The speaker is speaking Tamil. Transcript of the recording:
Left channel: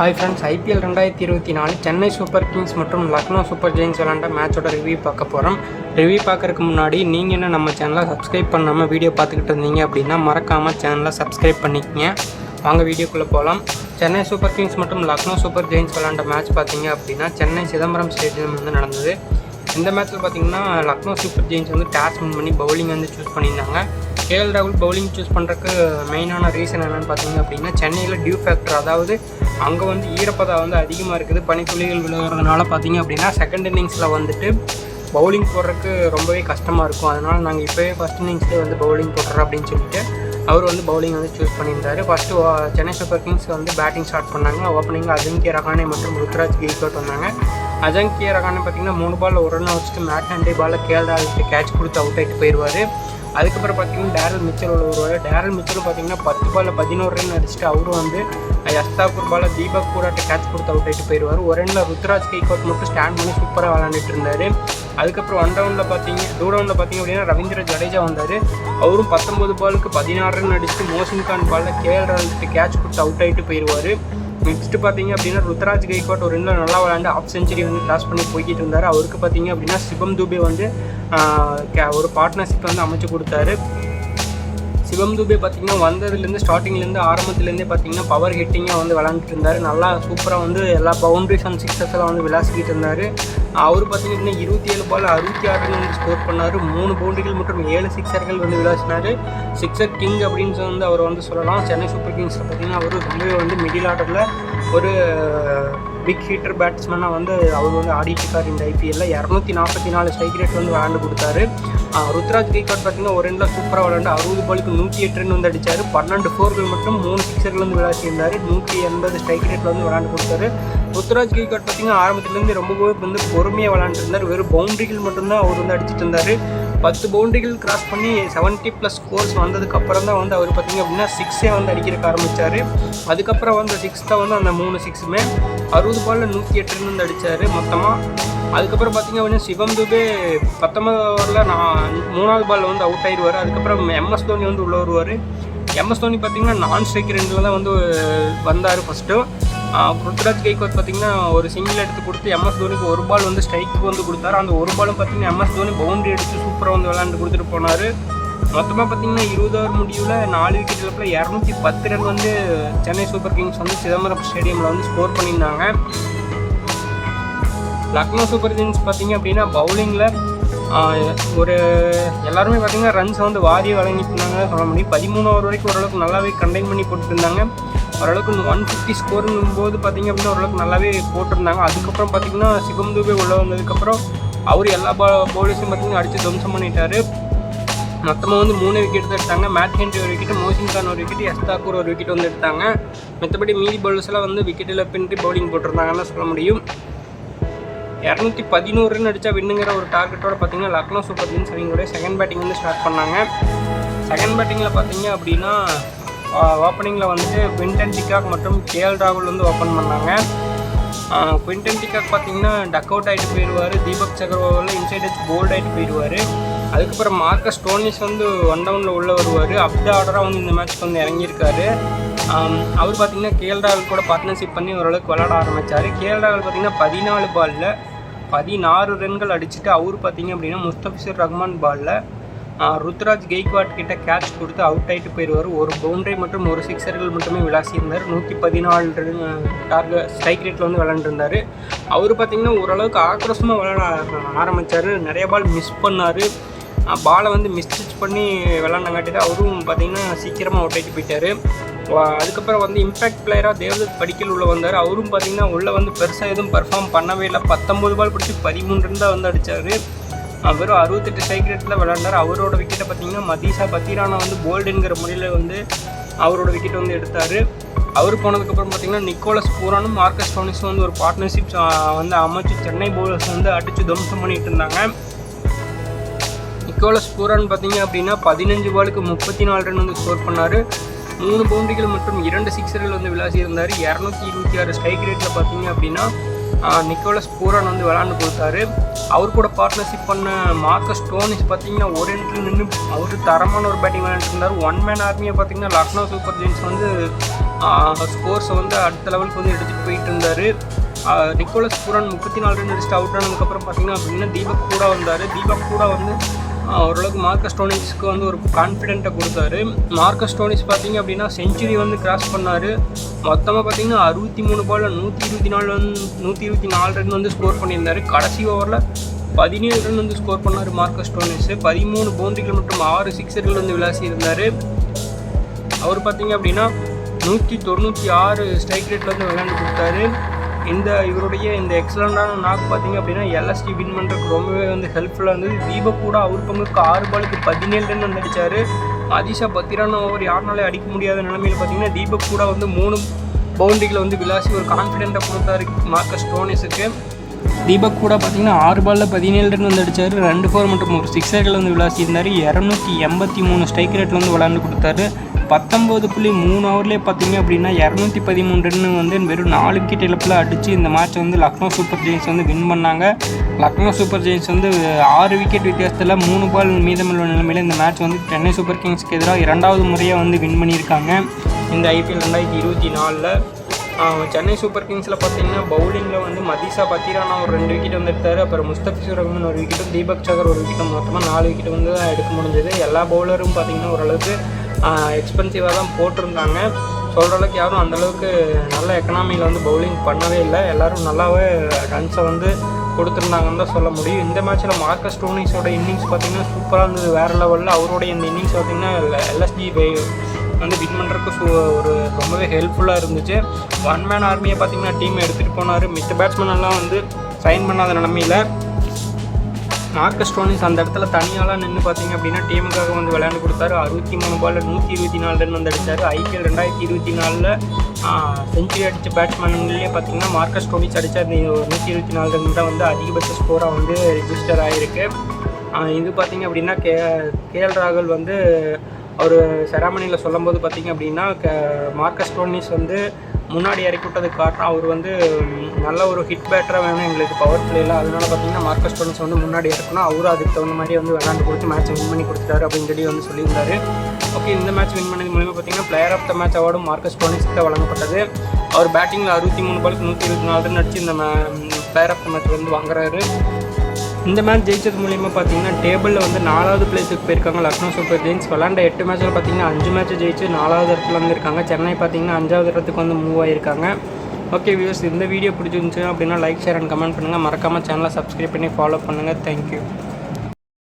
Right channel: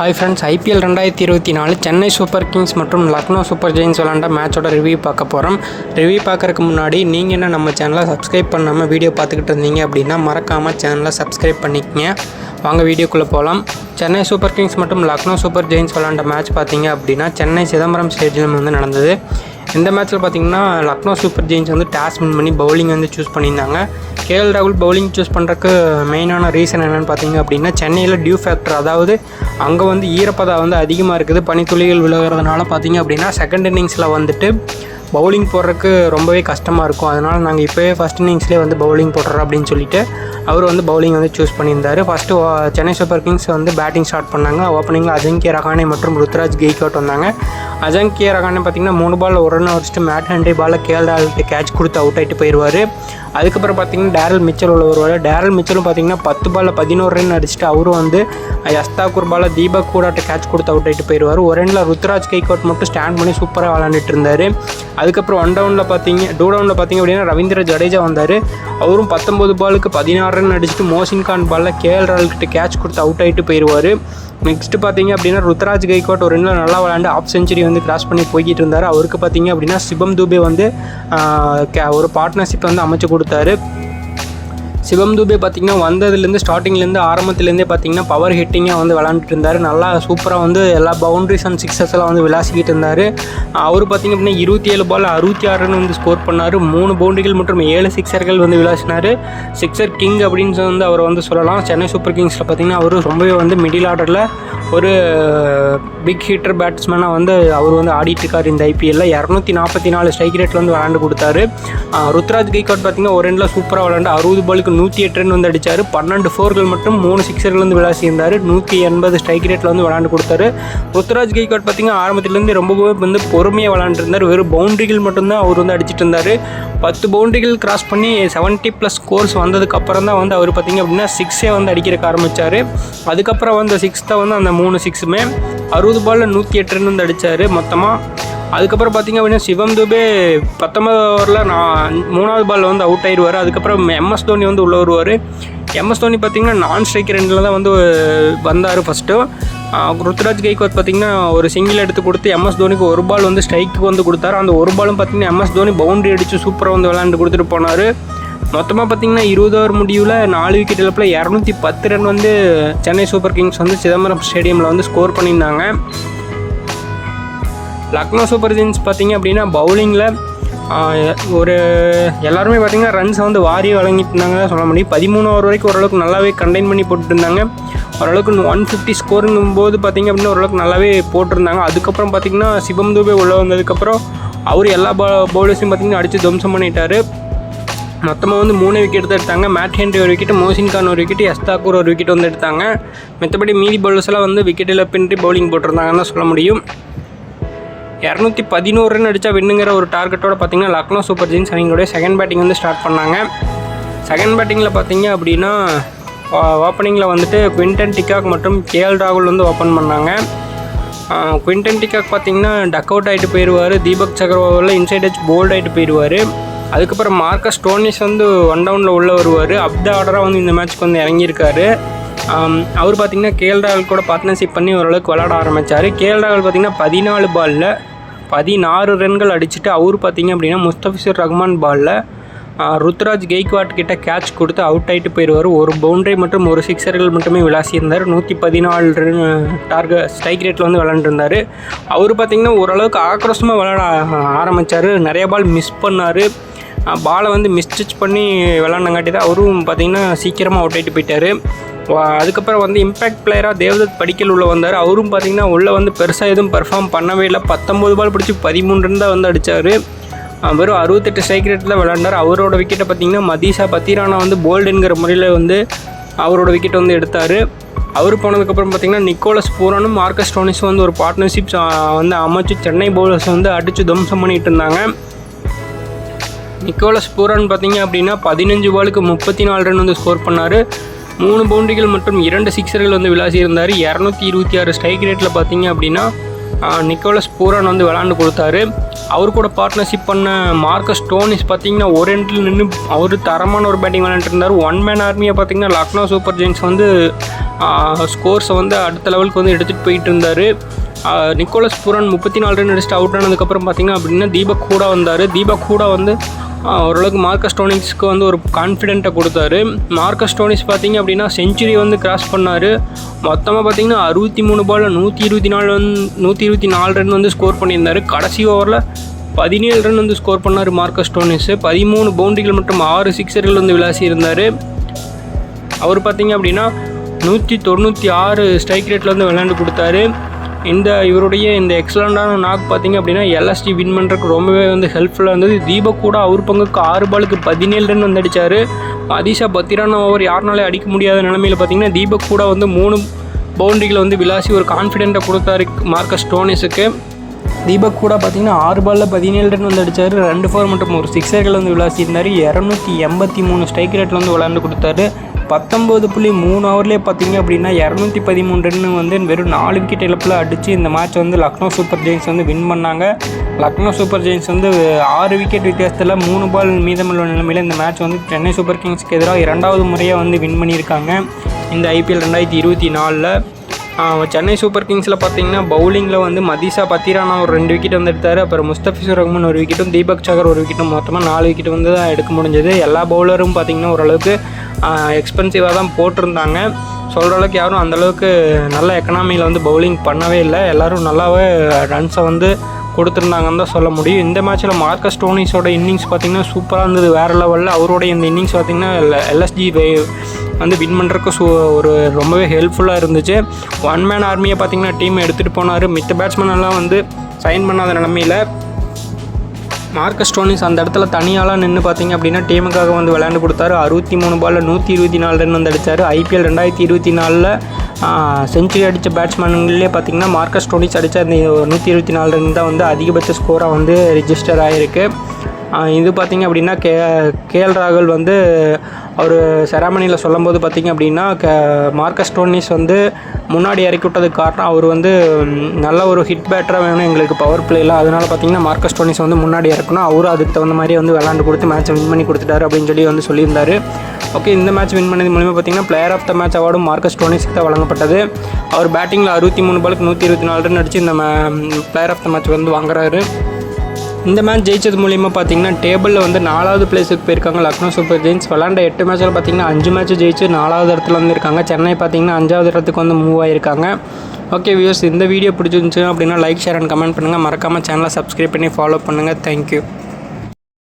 Hi friends, IPL 2024 Chennai super Kings மற்றும் லக்னோ சூப்பர் ஜெயின்ஸ் விளாண்ட மேட்சோட ரிவ்யூ பார்க்க போகிறோம். ரிவ்யூ பார்க்குறதுக்கு முன்னாடி நீங்கள் என்ன நம்ம சேனலை சப்ஸ்கிரைப் பண்ணாமல் வீடியோ பார்த்துக்கிட்டு இருந்தீங்க அப்படின்னா மறக்காமல் சேனலை சப்ஸ்கிரைப் பண்ணிக்கங்க. வாங்க வீடியோக்குள்ளே போகலாம். சென்னை சூப்பர் கிங்ஸ் மற்றும் லக்னோ சூப்பர் ஜெயின்ஸ் விளாண்ட மேட்ச் பார்த்தீங்க அப்படின்னா சென்னை சிதம்பரம் ஸ்டேடியம் வந்து நடந்தது. இந்த மேட்ச்சில் பார்த்திங்கன்னா லக்னோ சூப்பர் ஜெயின்ஸ் வந்து டாஸ் வின் பண்ணி பவுலிங் வந்து சூஸ் பண்ணியிருந்தாங்க. கேஎல் ராகுல் பவுலிங் சூஸ் பண்ணுறதுக்கு மெயினான ரீசன் என்னென்னு பார்த்தீங்க அப்படின்னா சென்னையில் டியூ ஃபேக்டர், அதாவது அங்கே வந்து ஈரப்பதம் வந்து அதிகமாக இருக்குது. பனித்துளிகள் விழுகிறதுனால பார்த்திங்க அப்படின்னா செகண்ட் இன்னிங்ஸில் வந்துட்டு பவுலிங் போடுறதுக்கு ரொம்பவே கஷ்டமாக இருக்கும். அதனால் நாங்கள் இப்போயே ஃபஸ்ட் இன்னிங்ஸ்லேயே வந்து பவுலிங் போடுறோம் அப்படின்னு சொல்லிட்டு அவர் வந்து பவுலிங் வந்து சூஸ் பண்ணியிருந்தார். ஃபஸ்ட்டு சென்னை சூப்பர் கிங்ஸ் வந்து பேட்டிங் ஸ்டார்ட் பண்ணாங்க. ஓப்பனிங்கில் அஜங்கிய ரஹானே மற்றும் ருத்ராஜ் கெய்க்வாட் வந்தாங்க. அஜங்கிய ரஹானே பார்த்திங்கன்னா 3 பால் 1 ரன் வச்சுட்டு மேட் ஹென்ரி பாலில் கேஎல் ராகுல்கிட்ட கேட்ச் கொடுத்து அவுட் ஆகிட்டு போயிடுவார். அதுக்கப்புறம் பார்த்திங்கன்னா டேரல் மிச்சல் உள்ள வருவார். டேரல் மிச்சலும் பார்த்திங்கன்னா 10 பாலில் 11 ரன் அடிச்சுட்டு அவரும் வந்து யஸ்தாக்கூர் பாலில் தீபக் கூடாட்ட கேட்ச் கொடுத்து அவுட் ஆகிட்டு போயிடுவார். ஒரு ரனில் ருத்ராஜ் கெய்க்வாட் மட்டும் ஸ்டாண்ட் பண்ணி சூப்பராக விளாண்டுட்டு இருந்தார். அதுக்கப்புறம் 1 டவுனில் பார்த்திங்க அப்படின்னா ரவீந்திர ஜடேஜா வந்தார். அவரும் 19 பாலுக்கு 16 ரன் அடிச்சுட்டு மோசின் கான் பாலில் கேஎல் ராகுல்கிட்ட கேட்ச் கொடுத்து அவுட் ஆகிட்டு போயிடுவார். நெக்ஸ்ட்டு பார்த்திங்க அப்படின்னா ருத்ராஜ் கெய்க்வாட் ஒரு ரனில் நல்லா விளாண்டு ஆஃப் செஞ்சுரி வந்து கிராஸ் பண்ணி போய்கிட்டு இருந்தார். அவருக்கு பார்த்திங்க அப்படின்னா சிவம் துபே வந்து ஒரு பார்ட்னர்ஷிப் வந்து அமைச்சு கொடுத்தாரு. சிவம் துபே பார்த்திங்கன்னா வந்ததுலேருந்து ஸ்டார்டிங்லேருந்து ஆரம்பத்துலேருந்தே பார்த்திங்கன்னா பவர் ஹிட்டிங்காக வந்து விளாண்டுட்டு இருந்தார். நல்லா சூப்பராக வந்து எல்லா பவுண்ட்ரிஸ் அண்ட் சிக்ஸஸ் எல்லாம் வந்து விளாசிக்கிட்டு இருந்தார். அவர் பார்த்திங்க அப்படின்னா 27 பால் 66 ரன் வந்து ஸ்கோர் பண்ணார். 3 பவுண்டரிகள் மற்றும் 7 சிக்ஸர்கள் வந்து விளாசினார். சிக்ஸர் கிங் அப்படின்னு வந்து அவர் வந்து சொல்லலாம். சென்னை சூப்பர் கிங்ஸில் பார்த்திங்கன்னா அவர் ரொம்பவே வந்து மிடில் ஆர்டரில் ஒரு பிக் ஹீட்டர் பேட்ஸ்மேனாக வந்து அவர் வந்து ஆடிட்டுருக்கார். இந்த ஐபிஎல்லில் 244 ஸ்ட்ரைக் ரேட்டில் வந்து விளாண்டு கொடுத்தாரு. ருத்ராஜ் கெய்க்வாட் பார்த்திங்கன்னா ஒரு ரனில் சூப்பராக விளாண்டு 60 பாலுக்கு 108 ரன் வந்து அடித்தார். 12 4கள் மற்றும் 3 சிக்ஸர்கள் வந்து விளாசியிருந்தார். 180 ஸ்ட்ரைக் ரேட்டில் வந்து விளாண்டு கொடுத்தாரு. ருத்ராஜ் கெய்க்வாட் பார்த்திங்கன்னா ஆரம்பத்துலேருந்து ரொம்பவே வந்து பொறுமையாக விளாண்டுருந்தார். வெறும் பவுண்டரிகள் மட்டும்தான் அவர் வந்து அடிச்சிட்டு இருந்தார். 10 பவுண்டரிகள் கிராஸ் பண்ணி 70+ ஸ்கோர்ஸ் வந்ததுக்கப்புறம் தான் வந்து அவர் பார்த்திங்க அப்படின்னா 6 வந்து அடிக்கிறக்க ஆரம்பித்தார். அதுக்கப்புறம் வந்து 6 வந்து அந்த 3 6மே 60 பாலில் 108 ரன் வந்து அடித்தார் மொத்தமாக. அதுக்கப்புறம் பார்த்திங்க அப்படின்னா சிவம் துபே 19 ஓவரில் 3வது பாலில் வந்து அவுட் ஆயிடுவார். அதுக்கப்புறம் எம்எஸ் தோனி வந்து உள்ளே வருவார். எம்எஸ் தோனி பார்த்திங்கன்னா நான் ஸ்ட்ரைக் ரெண்டில் தான் வந்து வந்தார் ஃபஸ்ட்டு. ருத்ராஜ் கெய்க்வாட் பார்த்திங்கன்னா ஒரு சிங்கிள் எடுத்து கொடுத்து எம்எஸ் தோனிக்கு 1 பால் வந்து ஸ்ட்ரைக்கு வந்து கொடுத்தாரு. அந்த 1 பாலும் பார்த்திங்கன்னா எம்எஸ் தோனி பவுண்டரி அடித்து சூப்பராக வந்து விளையாண்டு கொடுத்துட்டு போனார். மொத்தமாக பார்த்திங்கன்னா 20 ஓவர் முடிவில் 4 விக்கெட் இழப்பில் 210 ரன் வந்து சென்னை சூப்பர் கிங்ஸ் வந்து சிதம்பரம் ஸ்டேடியமில் வந்து ஸ்கோர் பண்ணியிருந்தாங்க. லக்னோ சூப்பர் ஜெயின்ஸ் பார்த்திங்க அப்படின்னா பவுலிங்கில் ஒரு எல்லாருமே பார்த்திங்கன்னா ரன்ஸை வந்து வாரி வழங்கிட்டு இருந்தாங்க சொல்ல முடியும். 13 ஓவர் வரைக்கும் ஓரளவுக்கு நல்லாவே கண்டெயின் பண்ணி போட்டுருந்தாங்க. ஓரளவுக்கு 150 ஸ்கோருங்கும் போது பார்த்திங்க அப்படின்னா ஓரளவுக்கு நல்லாவே போட்டிருந்தாங்க. அதுக்கப்புறம் பார்த்திங்கன்னா சிவம் துபே உள்ளே வந்ததுக்கப்புறம் அவர் எல்லா பவுலர்ஸையும் பார்த்திங்கன்னா அடித்து துவம்சம் பண்ணிட்டார். மொத்தமாக வந்து 3 விக்கெட் தான் எடுத்தாங்க. மேட் ஹென்ரி ஒரு விக்கெட், மோசின் கான் ஒரு விக்கெட், யஸ்தாக்கூர் ஒரு விக்கெட் வந்து எடுத்தாங்க. மற்றபடி மீதி பவுலர்ஸ் எல்லாம் வந்து விக்கெட் இழப்பின்றி பவுலிங் போட்டிருந்தாங்கன்னு சொல்ல முடியும். 211 ரன் அடித்தா வின்னுங்கிற ஒரு டார்கெட்டோட பார்த்திங்கன்னா லக்னோ சூப்பர் ஜெயின்ஸ் அணிங்களுடைய செகண்ட் பேட்டிங் வந்து ஸ்டார்ட் பண்ணாங்க. செகண்ட் பேட்டிங்கில் பார்த்திங்க அப்படின்னா ஓப்பனிங்கில் வந்துட்டு குவிண்டன் டிகாக் மற்றும் கேஎல் ராகுல் வந்து ஓப்பன் பண்ணாங்க. குவிண்டன் டிகாக் பார்த்திங்கன்னா டக் அவுட் ஆகிட்டு போயிடுவார். தீபக் சகர்வாலில் இன்சைட் எட்ஜ் போல்ட் ஆகிட்டு போயிடுவார். அதுக்கப்புறம் மார்க்கஸ் ஸ்டோனிஸ் வந்து 1 டவுனில் உள்ளே வருவார். அப் த ஆர்டராக வந்து இந்த மேட்ச்க்கு வந்து இறங்கியிருக்காரு. அவர் பார்த்திங்கன்னா கேஎல் ராகுல் கூட பார்ட்னர்ஷிப் பண்ணி ஓரளவுக்கு விளாட ஆரம்பித்தார். கேஎல் ராகுல் பார்த்திங்கன்னா 14 பாலில் 16 ரன்கள் அடிச்சுட்டு அவர் பார்த்திங்க அப்படின்னா முஸ்தபிசுர் ரஹ்மான் பாலில் ருத்ராஜ் கெய்க்வாட் கிட்ட கேட்ச் கொடுத்து அவுட் ஆகிட்டு போயிடுவார். ஒரு பவுண்டரி மற்றும் 1 சிக்ஸர்கள் மட்டுமே விளாசியிருந்தார். 114 ரன் ஸ்ட்ரைக் ரேட்டில் வந்து விளாண்டுருந்தார். அவர் பார்த்திங்கன்னா ஓரளவுக்கு ஆக்ரோஷமாக விளாட ஆரம்பித்தார். நிறைய பால் மிஸ் பண்ணார். பாலை வந்து மிஸ்டச் பண்ணி விளாண்டங்காட்டி தான் அவரும் பார்த்திங்கன்னா சீக்கிரமாக அவுட் ஆகிட்டு போயிட்டார். அதுக்கப்புறம் வந்து இம்பேக்ட் பிளேயராக தேவதத் படிக்கல் உள்ளே வந்தார். அவரும் பார்த்திங்கன்னா உள்ளே வந்து பெருசாக எதுவும் பெர்ஃபார்ம் பண்ணவே இல்லை. 19 பால் பிடிச்சி 13 ரன் தான் வந்து அடித்தார். வெறும் 68 ஸ்ட்ரைக் ரேட்டில் விளாண்டார். அவரோட விக்கெட்டை பார்த்திங்கன்னா மதீஷா பத்திரானா வந்து போல்டுங்கிற முறையில் வந்து அவரோட விக்கெட் வந்து எடுத்தார். அவர் போனதுக்கப்புறம் பார்த்திங்கன்னா நிக்கோலஸ் பூரானும் மார்க்கஸ் ஸ்டோனிஸும் வந்து ஒரு பார்ட்னர்ஷிப் வந்து அமைச்சு சென்னை பவுலர்ஸ் வந்து அடித்து துவம்சம் பண்ணிகிட்டு இருந்தாங்க. நிக்கோலஸ் பூரான் பார்த்திங்க அப்படின்னா 15 பாலுக்கு 34 ரன் வந்து ஸ்கோர் பண்ணார். 3 பவுண்டரிகள் மற்றும் 2 சிக்ஸர்கள் வந்து விளாசியிருந்தார். 226 ஸ்ட்ரைக் ரேட்டில் பார்த்திங்க அப்படின்னா நிக்கோலஸ் பூரான் வந்து விளாண்டு கொடுத்தாரு. அவர் கூட பார்ட்னர்ஷிப் பண்ண மார்க்கஸ் ஸ்டோனிஸ் பார்த்திங்கன்னா ஒரு எண்டில் நின்று அவர் தரமான ஒரு பேட்டிங் விளாண்டுருந்தார். 1 மேன் ஆர்மியை பார்த்திங்கன்னா லக்னோ சூப்பர் ஜெயின்ஸ் வந்து ஸ்கோர்ஸை வந்து அடுத்த லெவலுக்கு வந்து எடுத்துகிட்டு போயிட்டு இருந்தார். நிக்கோலஸ் பூரன் 34 ரன் அடிச்சுட்டு அவுட் ஆனதுக்கப்புறம் பார்த்திங்கன்னா அப்படின்னா தீபக் கூட வந்தார். தீபக் கூட வந்து ஓரளவுக்கு மார்க்கஸ் ஸ்டோனிஸ்க்கு வந்து ஒரு கான்ஃபிடென்ட்டை கொடுத்தாரு. மார்க்கஸ் ஸ்டோனிஸ் பார்த்திங்க அப்படின்னா செஞ்சுரி வந்து கிராஸ் பண்ணார். மொத்தமாக பார்த்திங்கன்னா 63 பாலில் 124 ரன் வந்து ஸ்கோர் பண்ணியிருந்தார். கடைசி ஓவரில் 17 ரன் வந்து ஸ்கோர் பண்ணார் மார்க்கஸ் ஸ்டோனிஸ். 13 பவுண்டரிகள் மற்றும் 6 சிக்ஸர்கள் வந்து விளாசி இருந்தார். அவர் பார்த்திங்க அப்படின்னா 196 ஸ்ட்ரைக் ரேட்டில் வந்து விளையாண்டு கொடுத்தாரு. இவருடைய இந்த எக்ஸலண்டான நாக் பார்த்திங்க அப்படின்னா எல்எஸ்டி வின் பண்ணுறதுக்கு ரொம்பவே வந்து ஹெல்ப்ஃபுல்லாக இருந்தது. தீபக் கூட அவர் பங்குக்கு 6 பாலுக்கு 17 ரன் வந்து அடித்தார். அதிஷா 10 ரன் ஓவர் யாருனாலே அடிக்க முடியாத நிலமையில் பார்த்திங்கன்னா தீபக் கூட வந்து 3 பவுண்டரிகளை வந்து விளாசி ஒரு கான்ஃபிடென்ட்டை கொடுத்தாரு மார்க்கஸ் ஸ்டோனிஸுக்கு. தீபக் கூட பார்த்திங்கன்னா 6 பாலில் 17 ரன் வந்து அடித்தார். 2 4 மற்றும் ஒரு சிக்ஸர்கள் வந்து விளாசி இருந்தார். 283 ஸ்ட்ரைக் ரேட்டில் வந்து விளையாண்டு கொடுத்தாரு. 19.3 ஓவர்லேயே பார்த்திங்க அப்படின்னா 213 ரன் வந்து வெறும் 4 விக்கெட் இழப்பில் அடித்து இந்த மேட்ச் வந்து லக்னோ சூப்பர் ஜெயின்ஸ் வந்து வின் பண்ணாங்க. லக்னோ சூப்பர் ஜெயின்ஸ் வந்து 6 விக்கெட் வித்தியாசத்தில் 3 பால் மீதமுள்ள நிலைமையில் இந்த மேட்ச் வந்து சென்னை சூப்பர் கிங்ஸ்க்கு எதிராக 2வது முறையாக வந்து வின் பண்ணியிருக்காங்க இந்த IPL 2024. சென்னை சூப்பர் கிங்ஸில் பார்த்திங்கன்னா பவுலிங்கில் வந்து மதிஷா பத்திரானா ஒரு 2 விக்கெட் வந்து எடுத்தார். அப்புறம் முஸ்தபிசுர் ரஹ்மான் ஒரு விக்கெட்டும் தீபக் சகர் ஒரு விக்கெட்டும் மொத்தமாக 4 விக்கெட் வந்து தான் எடுக்க முடிஞ்சது. எல்லா பவுலரும் பார்த்திங்கன்னா ஓரளவுக்கு எக்ஸ்பென்சிவாக தான் போட்டிருந்தாங்க. சொல்கிற அளவுக்கு யாரும் அந்தளவுக்கு நல்ல எக்கனாமியில் வந்து பவுலிங் பண்ணவே இல்லை. எல்லோரும் நல்லாவே ரன்ஸை வந்து கொடுத்துருந்தாங்கன்னு தான் சொல்ல முடியும். இந்த மேட்ச்சில் மார்க்கஸ் ஸ்டோனிஸோட இன்னிங்ஸ் பார்த்திங்கன்னா சூப்பராக இருந்தது, வேறு லெவலில். அவருடைய இந்த இன்னிங்ஸ் பார்த்திங்கன்னா LSG வந்து வின் பண்ணுறதுக்கு ஒரு ரொம்பவே ஹெல்ப்ஃபுல்லாக இருந்துச்சு. ஒன் மேன் ஆர்மியை பார்த்திங்கன்னா டீமை எடுத்துகிட்டு போனார். மித்த பேட்ஸ்மேனெல்லாம் வந்து சைன் பண்ணாத நிலமையில் மார்க்கஸ் ஸ்டோனிஸ் அந்த இடத்துல தனியாலாம் நின்று பார்த்திங்க அப்படின்னா டீமுக்காக வந்து விளையாண்டு கொடுத்தாரு. 63 பாலில் 124 ரன் வந்து அடித்தார். IPL 2024 செஞ்சுரி அடித்த பேட்ஸ்மேன்களே பார்த்திங்கன்னா மார்க்கஸ் ஸ்டோனிஸ் அடித்த அந்த 124 ரன் தான் வந்து அதிகபட்ச ஸ்கோராக வந்து ரிஜிஸ்டர் ஆகிருக்கு. இது பார்த்திங்க அப்படின்னா KL ராகுல் வந்து அவர் செராமனியில் சொல்லும்போது பார்த்திங்க அப்படின்னா மார்க்கஸ் ஸ்டோனிஸ் வந்து முன்னாடி இறக்கி விட்டதுக்கு காரணம் அவர் வந்து நல்ல ஒரு ஹிட் பேட்டராக வேணும் எங்களுக்கு பவர் பிளேயில், அதனால் பார்த்திங்கன்னா மார்க்கஸ் ஸ்டோனிஸ் வந்து முன்னாடி இறக்கணும். அவரும் அதுக்கு தகுந்த மாதிரி வந்து விளாண்டு கொடுத்து மேட்ச்சை வின் பண்ணி கொடுத்துட்டாரு அப்படின்னு சொல்லி சொல்லியிருந்தார். ஓகே, இந்த மேட்ச் வின் பண்ணது மூலிமா பார்த்திங்கன்னா பிளேயர் ஆஃப் த மேட்ச் அவார்டும் மார்க்கஸ் ஸ்டோனிஸ்க்கு தான் வழங்கப்பட்டது. அவர் பேட்டிங்கில் 63 பாலுக்கு 124 ரன் அடித்து நம்ம பிளேயர் ஆஃப் த மேட்ச் வந்து வாங்குறாரு. இந்த மேட்ச் ஜெயிச்சது மூலிமா பார்த்திங்கன்னா டேபிளில் வந்து 4வது பிளேஸுக்கு போயிருக்காங்க லக்னோ சூப்பர் ஜெயின்ஸ். விளாண்ட 8 மேட்ச்சில் பார்த்திங்கன்னா 5 மேட்ச் ஜெயிச்சு 4வது இடத்துல வந்து இருக்காங்க. சென்னை பார்த்திங்கன்னா 5வது இடத்துக்கு வந்து மூவ் ஆகியிருக்காங்க. ஓகே வியூவர்ஸ், இந்த வீடியோ பிடிச்சிருந்துச்சு அப்படின்னா லைக், ஷேர் அண்ட் கமெண்ட் பண்ணுங்கள். மறக்காமல் சேனலை சப்ஸ்கிரைப் பண்ணி ஃபாலோ பண்ணுங்கள். தேங்க்யூ.